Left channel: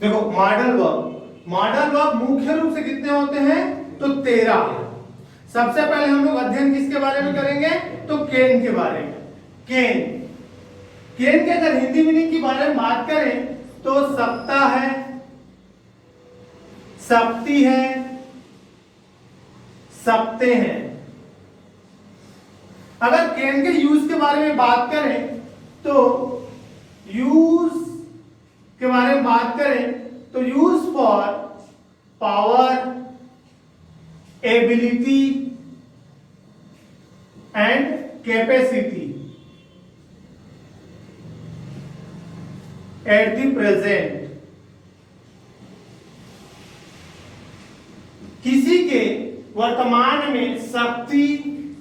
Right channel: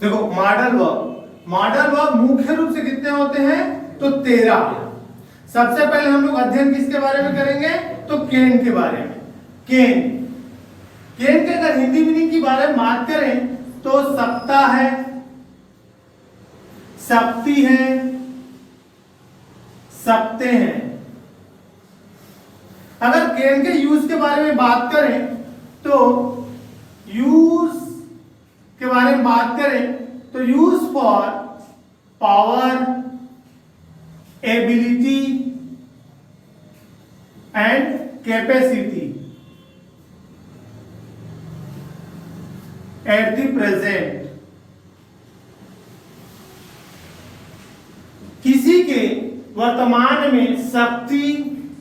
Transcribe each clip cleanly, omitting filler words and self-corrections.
देखो modal verb मुख्य रूप से कितने होते हैं? तो 13। सबसे पहले हम लोग अध्ययन किसके बारे में करेंगे? तो केन के बारे में। केन के अगर हिंदी मीनिंग की बारे में बात करें तो सप्ताह है, सप्ती है, सप्ते हैं। अगर केन के यूज के बारे में बात करें तो यूज के बारे में बात करें तो use for power, ability and capacity at the present. किसी के वर्तमान में शक्ति,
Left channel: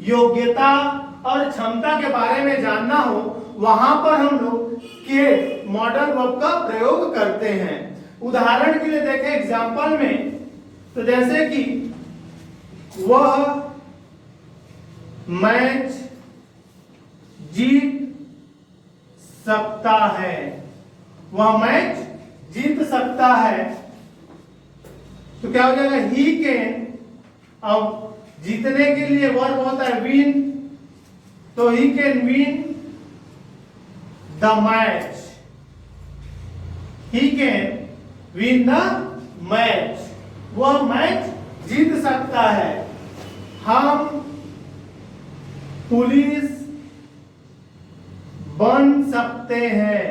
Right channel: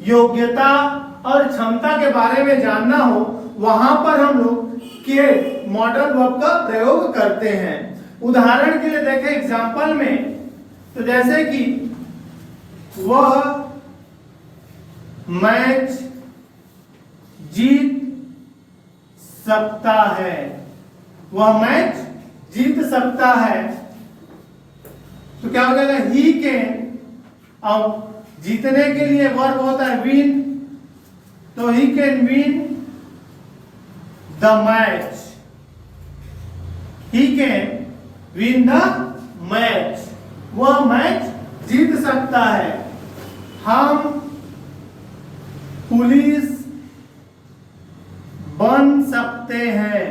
योग्यता और क्षमता के बारे में जानना हो, वहां पर हम लोग के मॉडल वर्ब का प्रयोग करते हैं। उदाहरण के लिए देखें एग्जांपल में, तो जैसे कि वह मैच जीत सकता है, वह मैच जीत सकता है, तो क्या हो जाएगा? He can. अब जीतने के लिए वर्ब होता है विन, तो he can win the match, he can win the match, वह मैच जीत सकता है। हम पुलिस बन सकते हैं,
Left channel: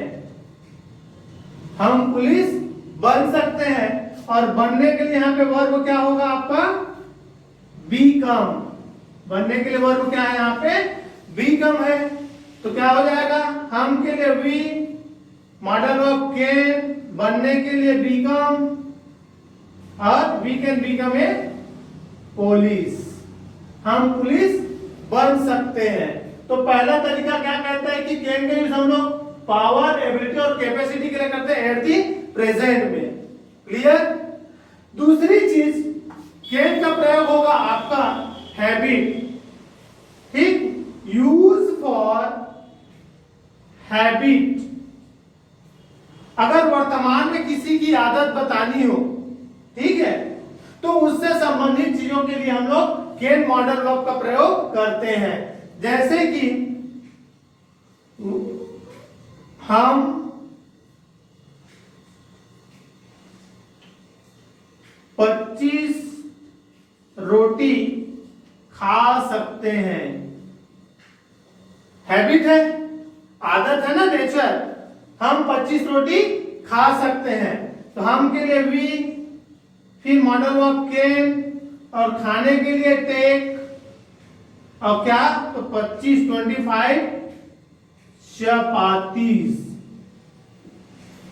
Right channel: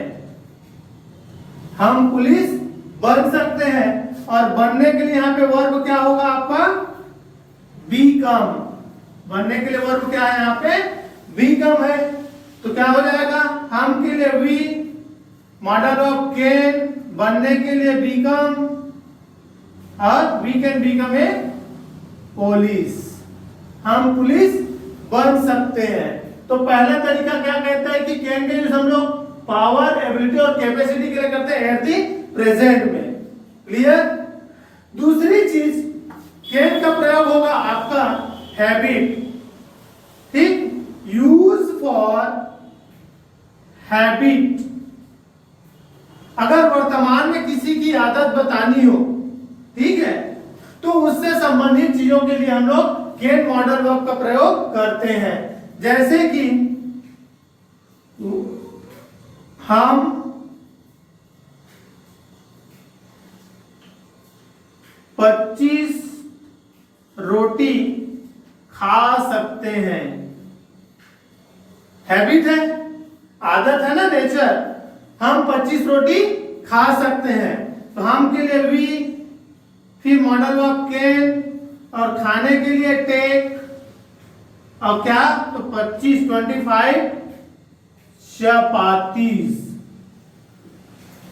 हम पुलिस बन सकते हैं। और बनने के लिए यहां पे वर्ब क्या होगा आपका? बीकम। बनने के लिए वर्ब क्या है यहां पे? बीकम है। तो क्या हो जाएगा? हम के लिए वी, मॉडल ऑफ कैन, बनने के लिए बीकम, और we can become a police, हम पुलिस बन सकते हैं। तो पहला तरीका क्या कहता है कि कैन का यूज हम लोग पावर, एबिलिटी और कैपेसिटी के लिए करते हैं एट दी प्रेजेंट में। क्लियर? दूसरी चीज कैन का प्रयोग होगा आपका हैबिट। ठीक, यूज फॉर हैबिट। अगर वर्तमान में किसी की आदत बतानी हो, ठीक है, तो उससे संबंधित चीजों के लिए हम लोग कैन मॉडल वर्ब का प्रयोग करते हैं। जैसे कि हम 25 रोटी खा सकते हैं। हैबिट है, आदत है ना, नेचर। हम 25 रोटी खा सकते हैं, तो हम के लिए वी, फिर मॉडल वर्ब कैन, और खाने के लिए टेक, और क्या? तो 25 chapatis,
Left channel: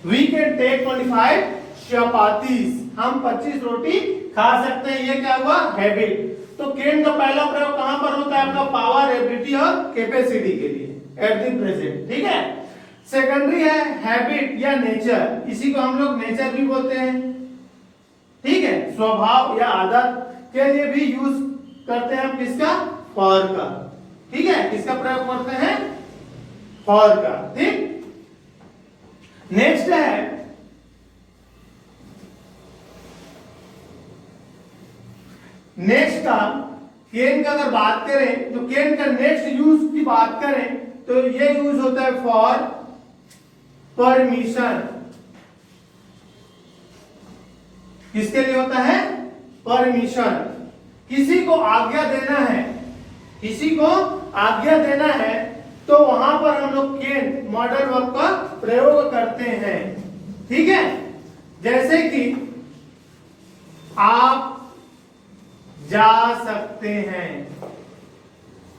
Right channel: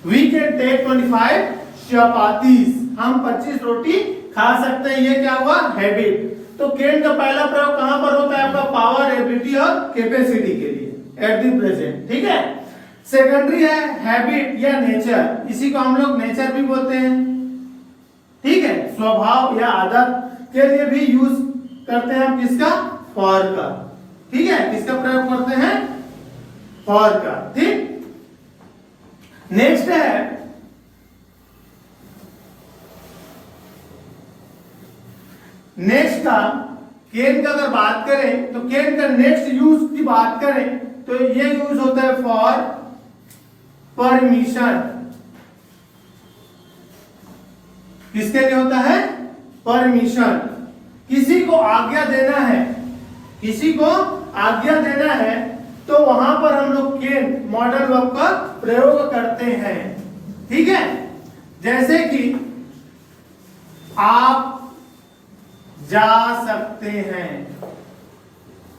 we can take 25 chapatis, हम 25 रोटी खा सकते हैं। ये क्या हुआ? हैबिट। तो कैन का पहला प्रयोग कहां पर होता है? आपका पावर, एबिलिटी और कैपेसिटी के लिए एट द प्रेजेंट। ठीक है। सेकेंडरी है हैबिट या नेचर, इसी को हम लोग नेचर भी बोलते हैं। ठीक है, स्वभाव या आदत के लिए भी यूज करते हैं हम किसका? फॉर का। ठीक है, किसका प्रयोग करते हैं? फॉर का। ठीक, नेक्स्ट है नेक्स्ट का कैन का अगर बात करें तो कैन का नेक्स्ट यूज की बात करें तो ये यूज होता है फॉर परमिशन। किसके लिए होता है? परमिशन। किसी को आज्ञा देना है, किसी को आज्ञा देना है, तो वहां पर हम लोग कैन मॉडल वर्ब का प्रयोग करते हैं। ठीक है, जैसे कि आप जा सकते हैं,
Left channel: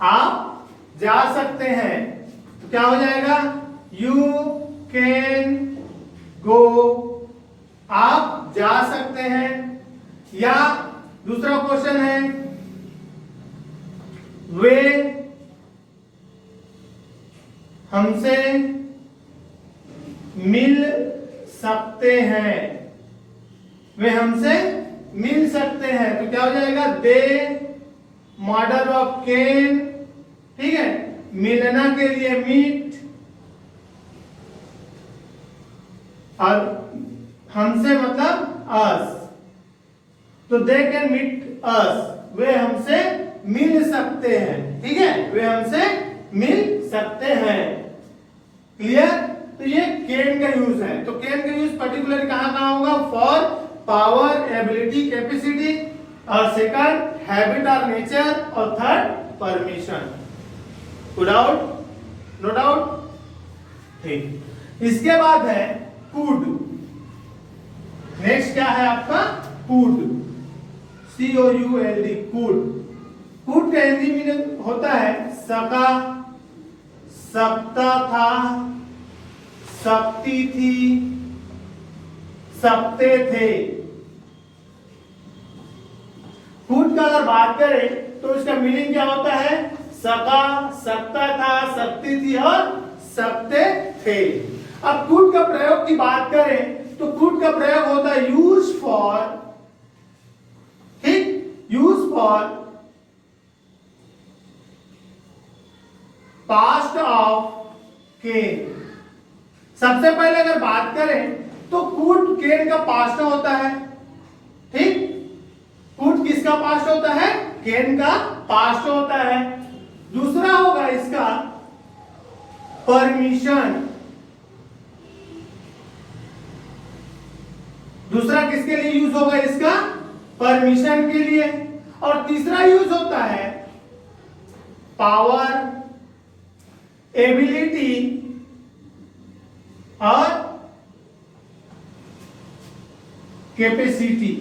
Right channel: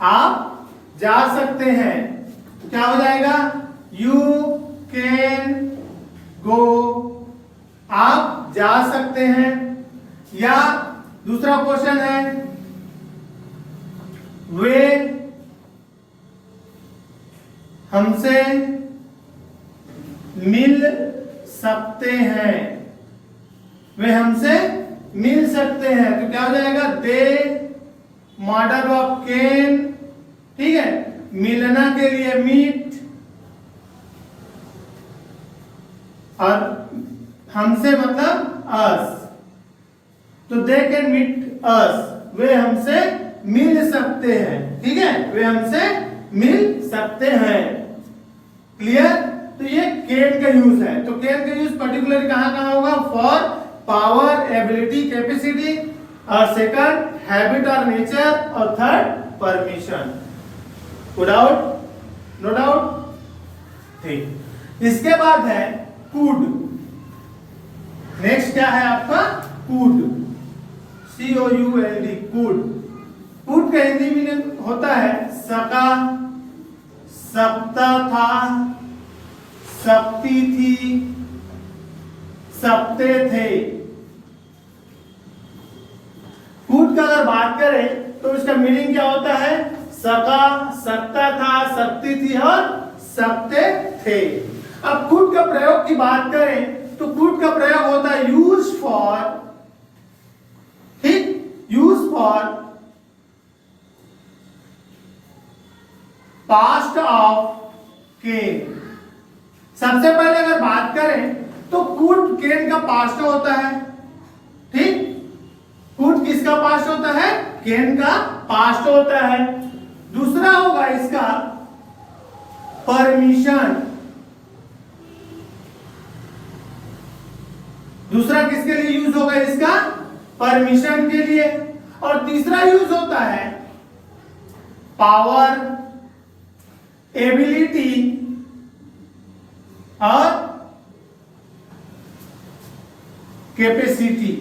आप जा सकते हैं, तो क्या हो जाएगा? यू कैन गो, आप जा सकते हैं। या दूसरा क्वेश्चन है वे हमसे मिल सकते हैं, वे हमसे मिल सकते हैं, तो क्या हो जाएगा? दे मॉडल ऑफ कैन। ठीक है, मिलना के लिए मीट, और हमसे मतलब अस, तो दे कैन मीट अस, वे हमसे मिल सकते हैं, ठीक है, वे हमसे मिल सकते हैं। क्लियर? तो ये कैन का यूज है। तो कैन का यूज पर्टिकुलर कहां कहां होगा? फॉर पावर, एबिलिटी, कैपेसिटी, और सेकंड हैबिट और नेचर, और third permission. Doubt? No doubt? ठीक। इसके बाद है कुड। नेक्स्ट क्या है आपका? Could, COULD, could. कुड का हिंदी मीनिंग होता है सका, सकता था, सकती थी, सकते थे। कुड का अगर बात करें तो उसका मीनिंग क्या होता है? सका, सकता था, सकती थी और सकते थे। अब कुड का प्रयोग की बात करें तो कुड का प्रयोग होता है यूज फॉर, ठीक, यूज फॉर पास्ट ऑफ केन। सबसे पहले अगर बात करें तो कुड केन का पास्ट होता है, ठीक, कुड किसका पास्ट होता है? केन का पास्ट होता है। दूसरा होगा इसका परमिशन। दूसरा किसके लिए यूज होगा इसका? परमिशन के लिए। और तीसरा यूज होता है पावर, एबिलिटी और कैपेसिटी,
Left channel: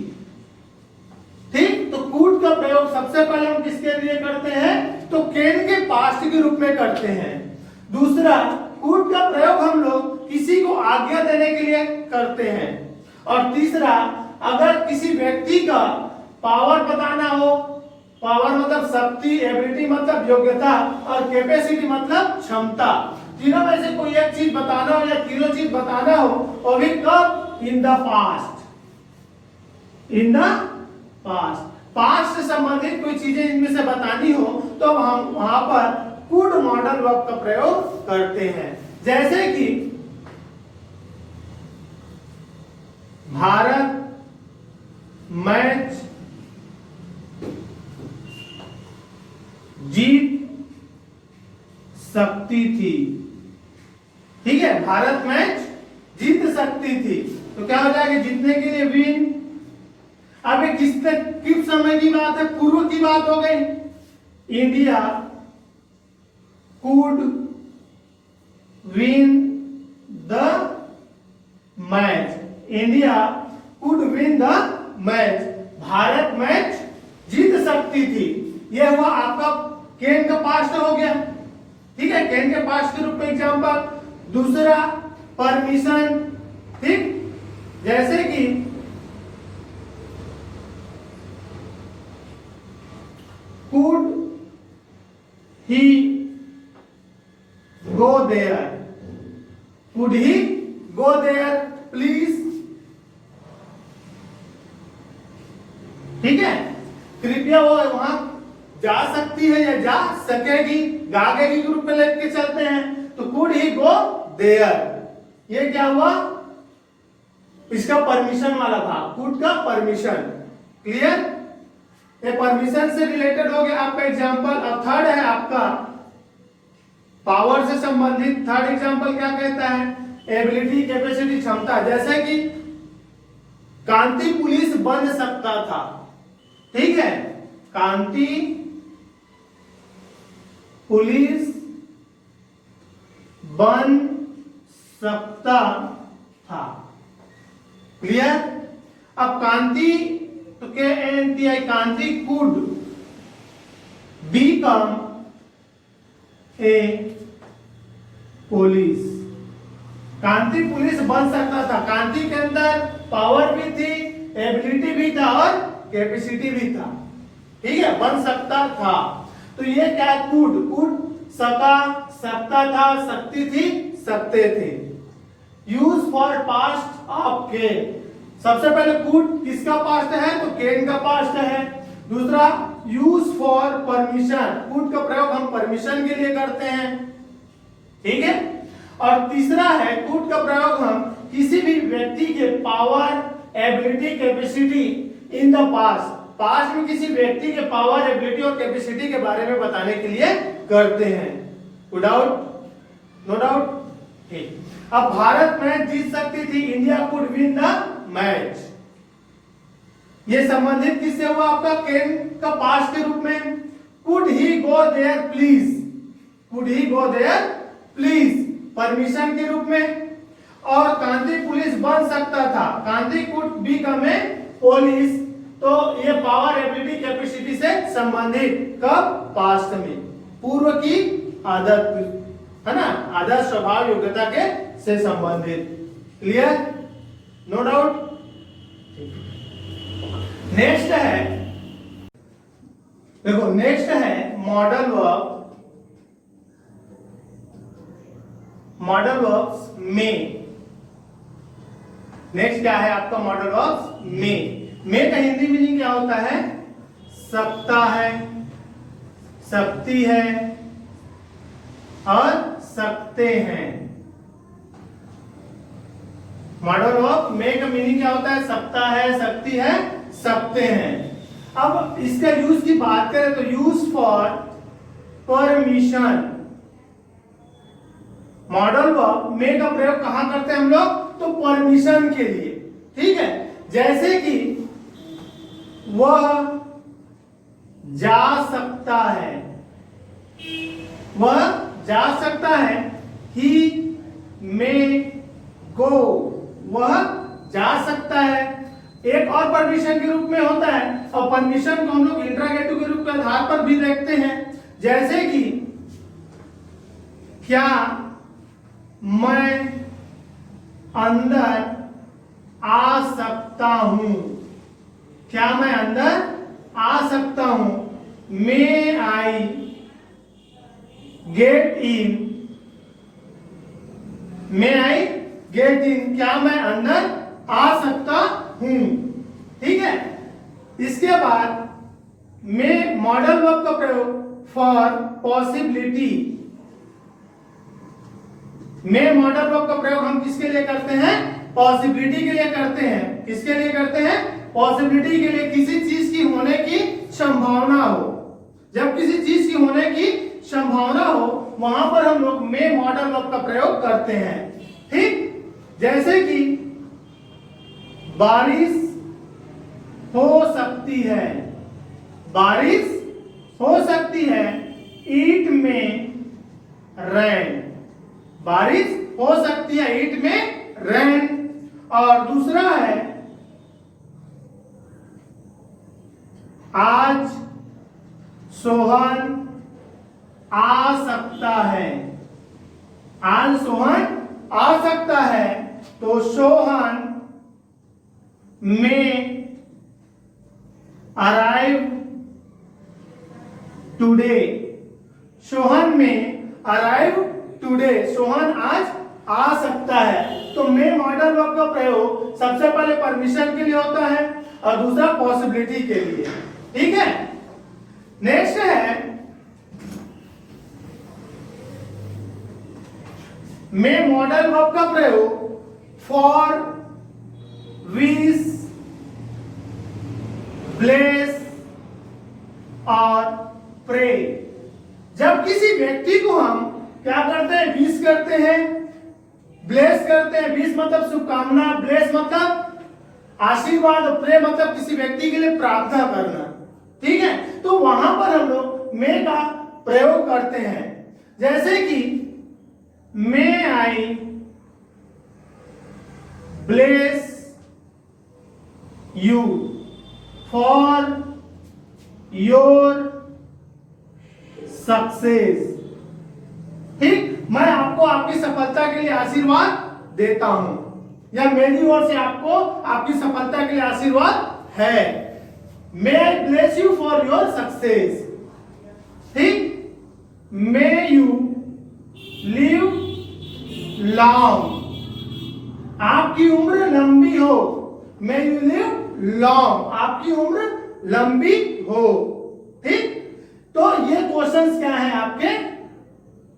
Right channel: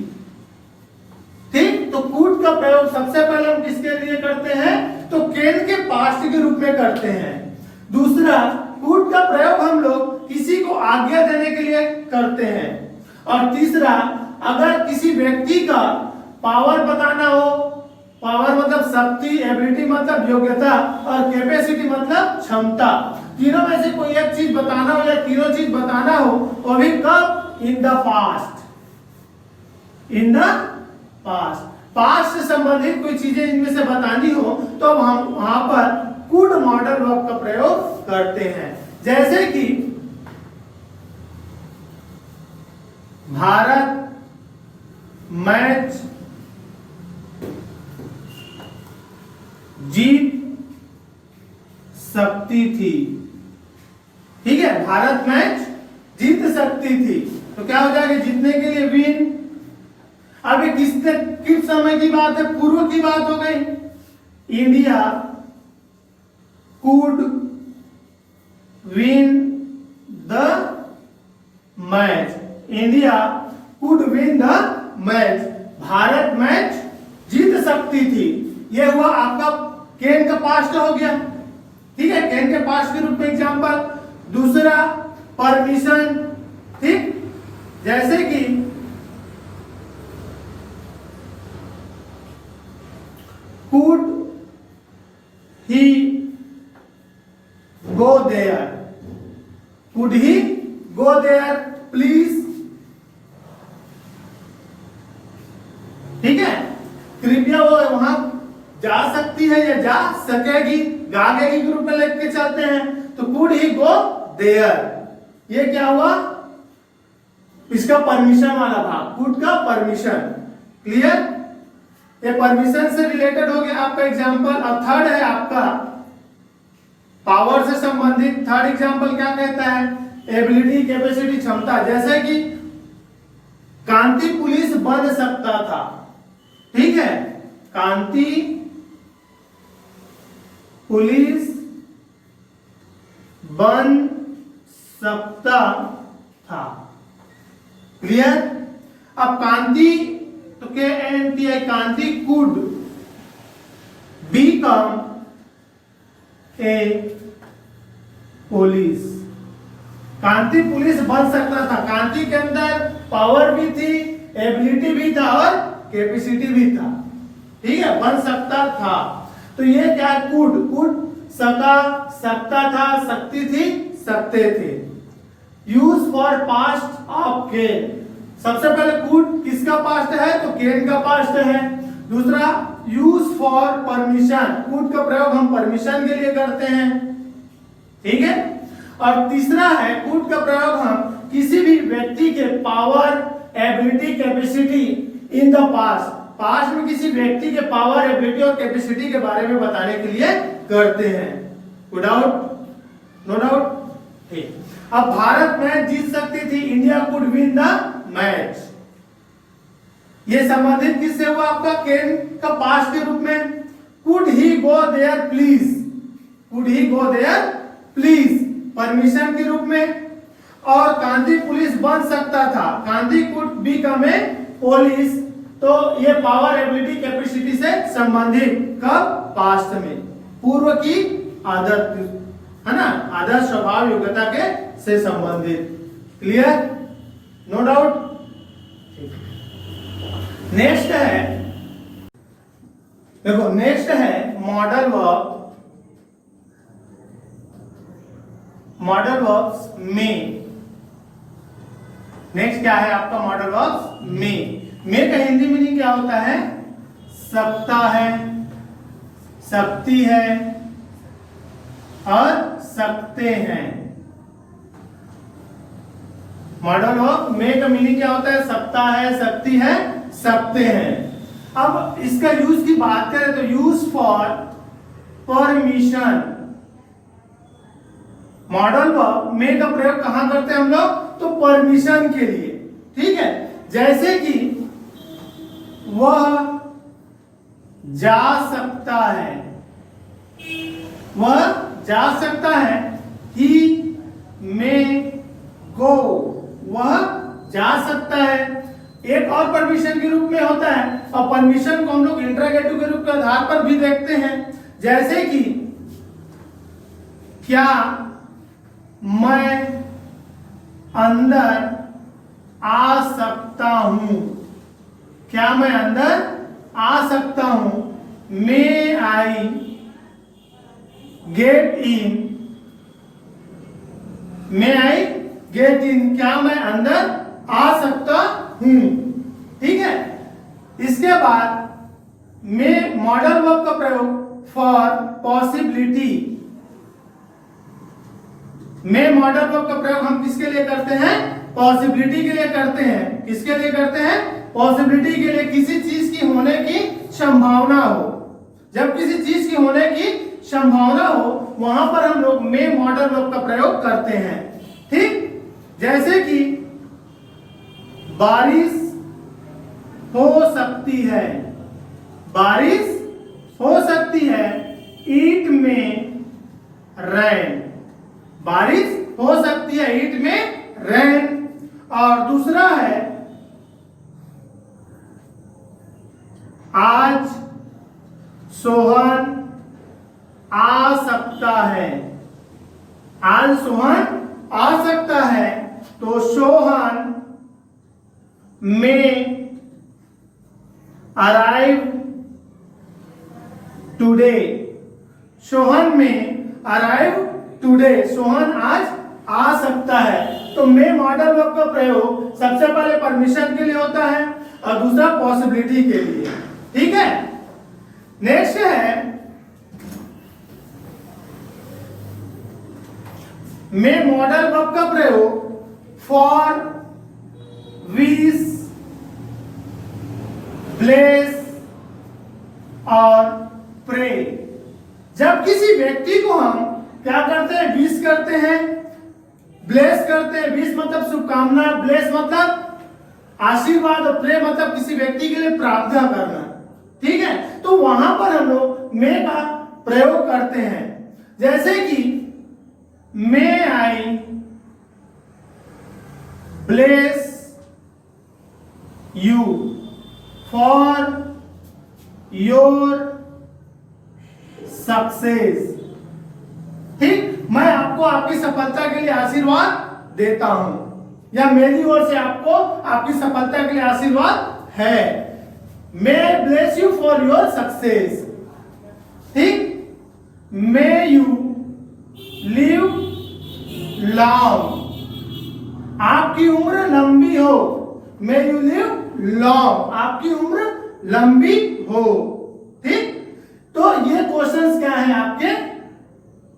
ठीक। तो कूड का प्रयोग सबसे पहले हम किसके लिए करते हैं? तो केन के पास्ट के रूप में करते हैं। दूसरा, कूड का प्रयोग हम लोग किसी को आज्ञा देने के लिए करते हैं। और तीसरा, अगर किसी व्यक्ति का पावर बताना हो, पावर मतलब शक्ति, एबिलिटी मतलब योग्यता, और कैपेसिटी मतलब क्षमता, तीनों में से कोई एक चीज बताना हो या तीनों चीज बताना हो, वो भी कब? In the past, in the past. Past से संबंधित कोई चीजें इनमें से बतानी हो तो हम वहां पर कुड मॉडल वर्ब का प्रयोग करते हैं। जैसे कि भारत मैच जीत सकती थी, ठीक है, भारत मैच जीत सकती थी। तो क्या हो जाएगा? जीतने के लिए विन। अब ये किस समय की बात है? पूर्व की बात हो गई। India could win the match, India could win the match, भारत मैच जीत सकती थी। यह हुआ आपका केन का पास्ट हो गया, ठीक है, केन के पास्ट के रूप में एग्जांपल। दूसरा परमिशन, ठीक, जैसे कि could he go there, could he go there please, ठीक है, कृपया वो वहां जा सकती है या जा सकेगी, गागेगी के रूप में लेके चलते हैं। तो कुड ही गो देयर, ये क्या हुआ? इसका परमिशन वाला भाग, कुड का परमिशन। क्लियर? ये परमिशन से रिलेटेड हो गया आपका एग्जांपल। और थर्ड है आपका पावर से संबंधित। थर्ड एग्जांपल क्या कहता है? एबिलिटी, कैपेसिटी, क्षमता। जैसे कि कांति पुलिस बन सकता था, ठीक है, कांति पुलिस बन सकता था। क्लियर? अब कांति, तो KNTI, Kanti could become a police, Kanti police बन सकता था। कांति के अंदर पावर भी थी, एबिलिटी भी था और कैपेसिटी भी था, ठीक है, बन सकता था। तो ये क्या है? कुड, कुड सका, सकता था, सकती थी, सकते थे। यूज फॉर पास्ट ऑफ केन। सबसे पहले कुड किसका पास्ट है? तो केन का पास्ट है। दूसरा यूज फॉर परमिशन, कुड का प्रयोग हम परमिशन के लिए करते हैं, ठीक है। और तीसरा है कुड का प्रयोग हम किसी भी व्यक्ति के power, ability, capacity in the past, past में किसी व्यक्ति के पावर, एबिलिटी और कैपेसिटी के बारे में बताने के लिए करते हैं। No doubt, no doubt. ठीक, अब भारत मैच जीत सकती थी, India could win the match. ये संबंधित किससे हुआ? आपका कैन का पास्ट के रूप में। Could he go there please, could he go there please permission के रूप में। और गांधी पुलिस बन सकता था, Gandhi could become a police. तो ये पावर, एबिलिटी, कैपेसिटी से संबंधित, कब? पास्ट में, पूर्व की आदत, है ना, आदर्श, स्वभाव, योग्यता के से संबंधित। क्लियर? No doubt. नेक्स्ट है, देखो नेक्स्ट है मॉडल वर्ब, मॉडल वर्ब्स में। नेक्स्ट क्या है आपका? मॉडल वर्ब्स में का हिंदी मीनिंग क्या होता है? सकता है, सकती है और सकते हैं। मॉडल वर्ब में का मीनिंग क्या होता है? सकता है, सकती है, सकते हैं। अब इसका यूज की बात करें तो use for permission. Modal verb में का प्रयोग कहां करते हैं हम लोग? तो परमिशन के लिए। ठीक है, जैसे कि वह जा सकता है, वह जा सकता है। ही मे गो, वह जा सकता है। एक और परमिशन के रूप में होता है, और परमिशन को हम लोग इंटरोगेटिव के रूप के आधार पर भी देखते हैं। जैसे कि क्या मैं अंदर आ सकता हूं? क्या मैं अंदर आ सकता हूं? मे I get in, may I get in, क्या मैं अंदर आ सकता हूं? ठीक है। इसके बाद में मॉडल वर्ब का प्रयोग फॉर पॉसिबिलिटी। में मॉडल वर्ब का प्रयोग हम किसके लिए करते हैं? पॉसिबिलिटी के लिए करते हैं। किसके लिए करते हैं? पॉसिबिलिटी के लिए, किसी चीज की होने की संभावना हो। जब किसी चीज की होने की संभावना हो, वहां पर हम लोग में मॉडल वर्ब का प्रयोग करते हैं। ठीक, जैसे कि बारिश हो सकती है, बारिश हो सकती है। ईट में रेन, बारिश हो सकती है, ईट में रेन। और दूसरा है आज सोहन आ सकता है, आज सोहन आ सकता है। तो सोहन में अराइव टुडे, सोहन में अराइव टुडे, सोहन आज आ सकता है। तो में मॉडल वर्ब का प्रयोग सबसे पहले परमिशन के लिए होता है और दूसरा पॉसिबिलिटी के लिए। ठीक है। नेक्स्ट है में मॉडल वर्ब का प्रयोग फॉर विश, ब्लेस और प्रे। जब किसी व्यक्ति को हम क्या करते हैं? विश करते हैं, ब्लेस करते हैं। विश मतलब शुभकामना, ब्लेस मतलब आशीर्वाद, और प्रे मतलब किसी व्यक्ति के लिए प्रार्थना करना। ठीक है, तो वहां पर हम लोग मे का प्रयोग करते हैं। जैसे कि may I bless you for your success. ठीक, मैं आपको आपकी सफलता के लिए आशीर्वाद देता हूं, या मेरी ओर से आपको आपकी सफलता के लिए आशीर्वाद है। May bless you for your success. ठीक, मे यू लिव लॉन्ग, आपकी उम्र लंबी हो। मे यू लिव लॉन्ग, आपकी उम्र लंबी हो। ठीक, तो ये क्वेश्चंस क्या है आपके?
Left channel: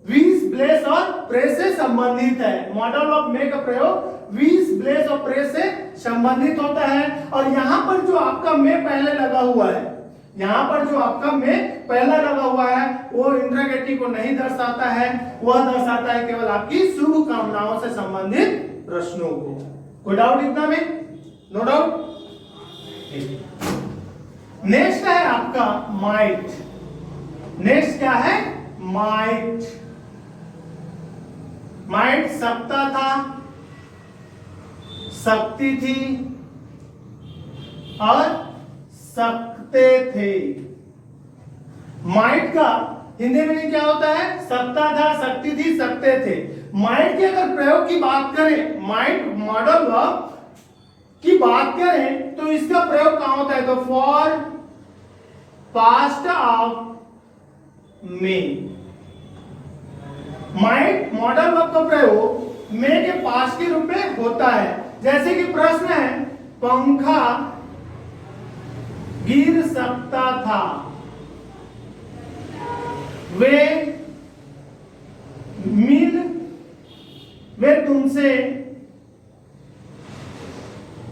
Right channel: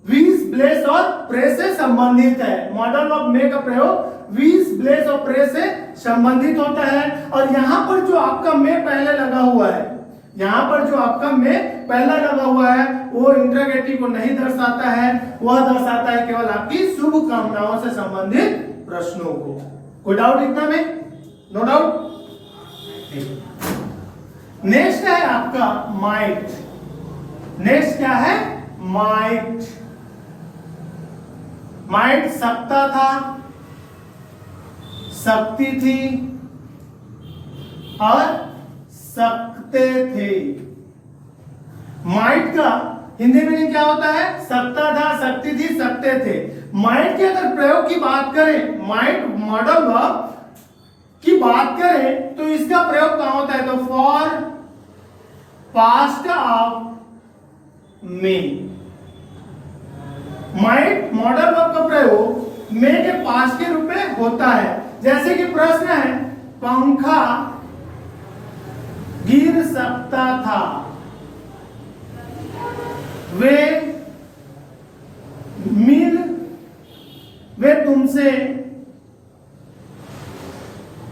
विश, ब्लेस और प्रे से संबंधित है। मॉडल वर्ब में का प्रयोग वीस ब्लेस और प्रेस से संबंधित होता है। और यहाँ पर जो आपका में पहले लगा हुआ है, यहाँ पर जो आपका में पहला लगा हुआ है वो इंट्रोगेटिव को नहीं दर्शाता है, वह दर्शाता है केवल आपकी शुभ कामनाओं से संबंधित प्रश्नों को। कोई डाउट इतना में? No doubt. नेक्स्ट है आपका माइट। नेक्स्ट क्या है? माइट। माइट सकता था, सकती थी और सकते थे। माइट का हिंदी में क्या होता है? सकता था, सकती थी, सकते थे। माइट के अगर प्रयोग की बात करें, माइट मॉडल वर्ब की बात करें तो इसका प्रयोग कहां होता है? तो फॉर पास्ट ऑफ में। माइट मॉडल वर्ब का प्रयोग में के पास्ट के रूप में होता है। जैसे कि प्रश्न है, पंखा गिर सकता था, वे तुमसे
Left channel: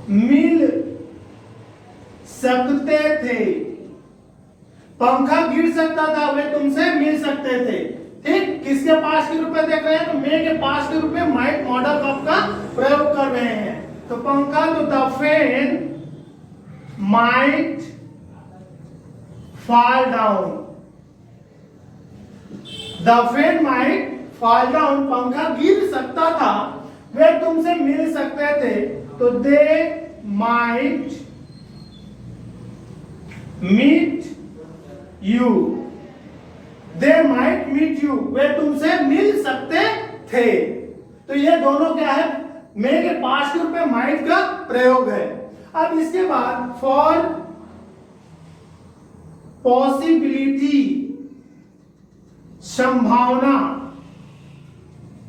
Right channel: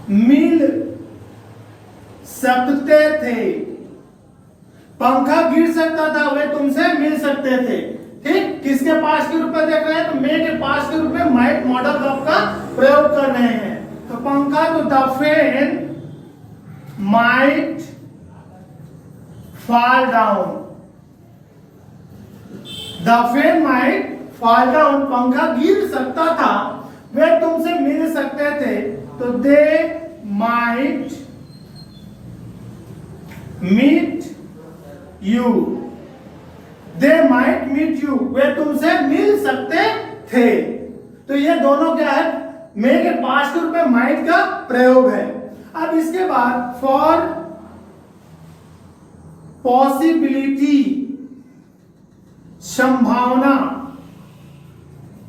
मिल सकते थे। पंखा गिर सकता था, वे तुमसे मिल सकते थे। ठीक, किसके पास के रूप में देख रहे हैं? तो मे के पास के रूप में माइट मॉडल वर्ब का प्रयोग कर रहे हैं। तो पंखा, तो the fan might fall down. The fan might fall down. पंखा गिर सकता था, वे तुमसे मिल सकते थे। तो they might meet you. They might meet you. वे तुमसे मिल सकते थे। तो ये दोनों क्या है? मे के पास्ट के रूप में माइट का प्रयोग है। अब इसके बाद फॉर पॉसिबिलिटी, संभावना।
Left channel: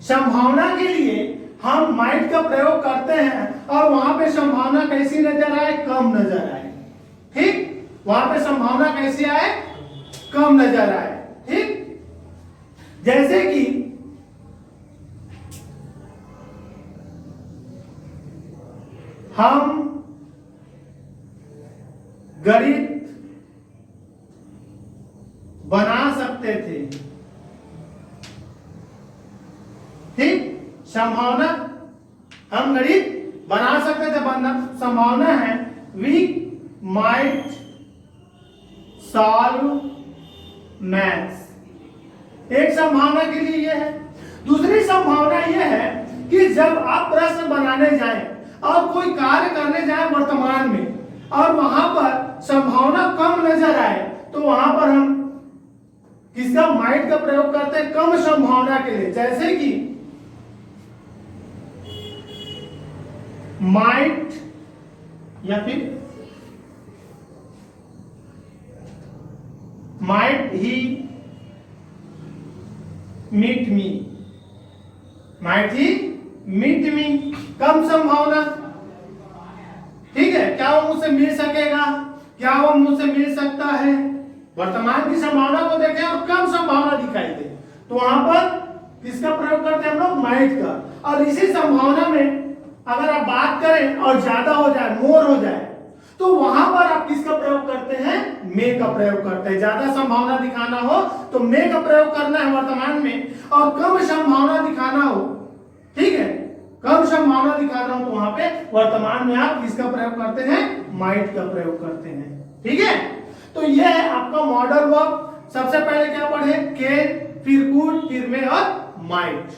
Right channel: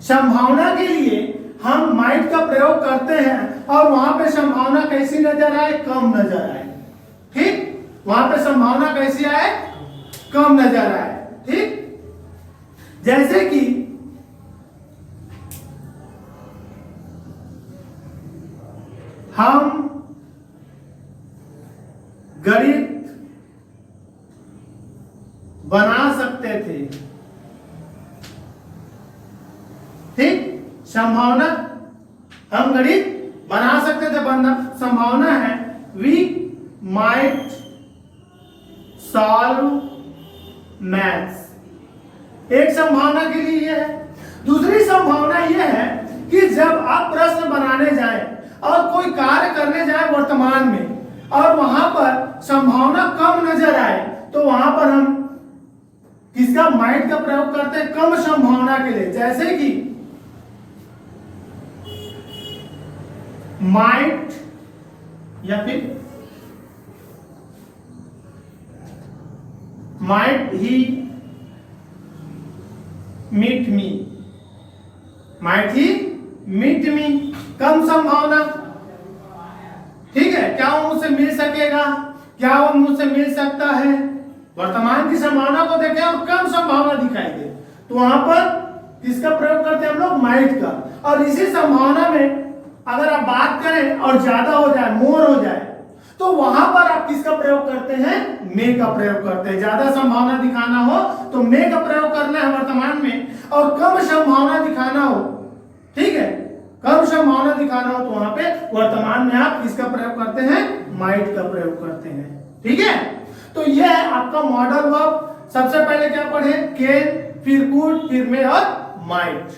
संभावना के लिए हम माइट का प्रयोग करते हैं और वहां पे संभावना कैसी नजर आए? कम नजर आए। ठीक, वहां पे संभावना कैसी आए? कम नजर आए। ठीक, जैसे कि हम गणित बना सकते थे। ठीक, संभावना, हम गणित बना सकते थे, बनना संभावना है। We might solve maths. एक संभावना के लिए यह है। दूसरी संभावना यह है कि जब आप प्रश्न बनाने जाएं और कोई कार्य करने जाएं वर्तमान में और वहां पर संभावना कम नजर आए, तो वहां पर हम किसका? माइट का प्रयोग करते हैं कम संभावना के लिए। जैसे कि माइट या फिर माइट ही मीट मी। माइट ही मीट मी, कम संभावना। ठीक है, क्या वो मुझसे मिल सकेगा? क्या वो मुझसे मिल सकता है? वर्तमान की संभावना को देखें और कम संभावना दिखाई दे, तो वहां पर किसका प्रयोग करते हैं हम लोग? माइट का। और इसी संभावना में अगर आप बात करें और ज्यादा हो जाए, मोर हो जाए, तो वहां पर आप किसका प्रयोग करते हैं? मे का प्रयोग करते हैं। ज्यादा संभावना दिखाना हो तो मे का प्रयोग करना है वर्तमान में, और कम संभावना दिखाना हो, ठीक है, कम संभावना दिखाना हो तो वहां पे वर्तमान में आप किसका प्रयोग करते हैं? माइट का प्रयोग करते हैं। ठीक है, तो यह है आपका मॉडल वर्ब। सबसे पहले क्या पढ़े? कैन, फिर कुड, फिर मे और माइट।